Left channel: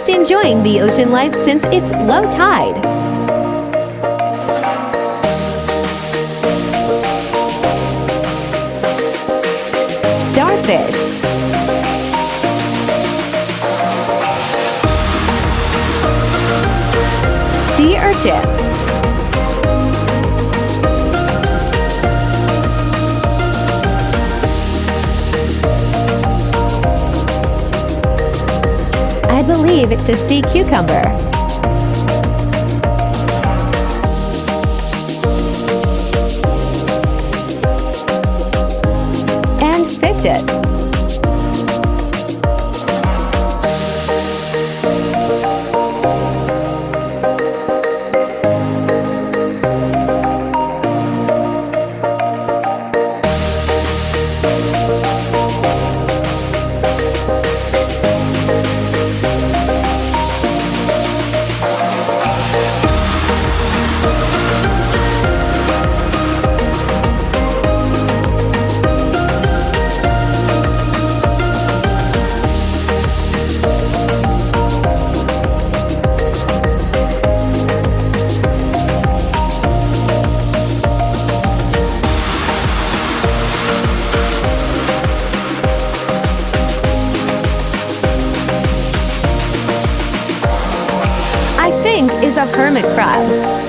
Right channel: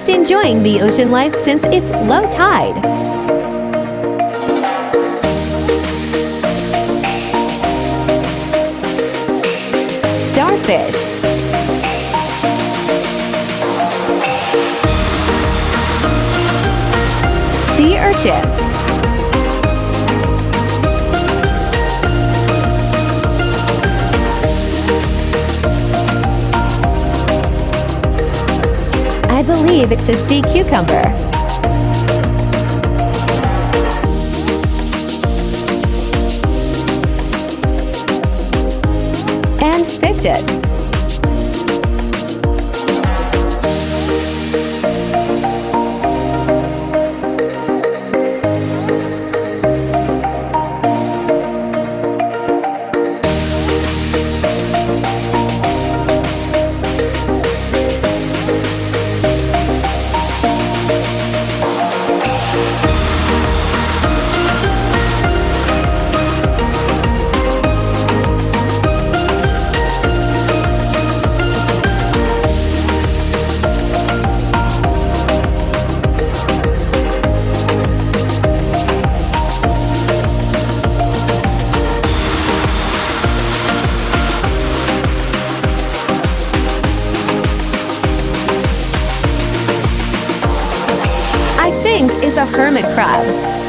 just enjoying the ocean life since it's low tide. Starfish. Sea urchin. I believe it's a sea cucumber. And fish it. I think is a hermit crab.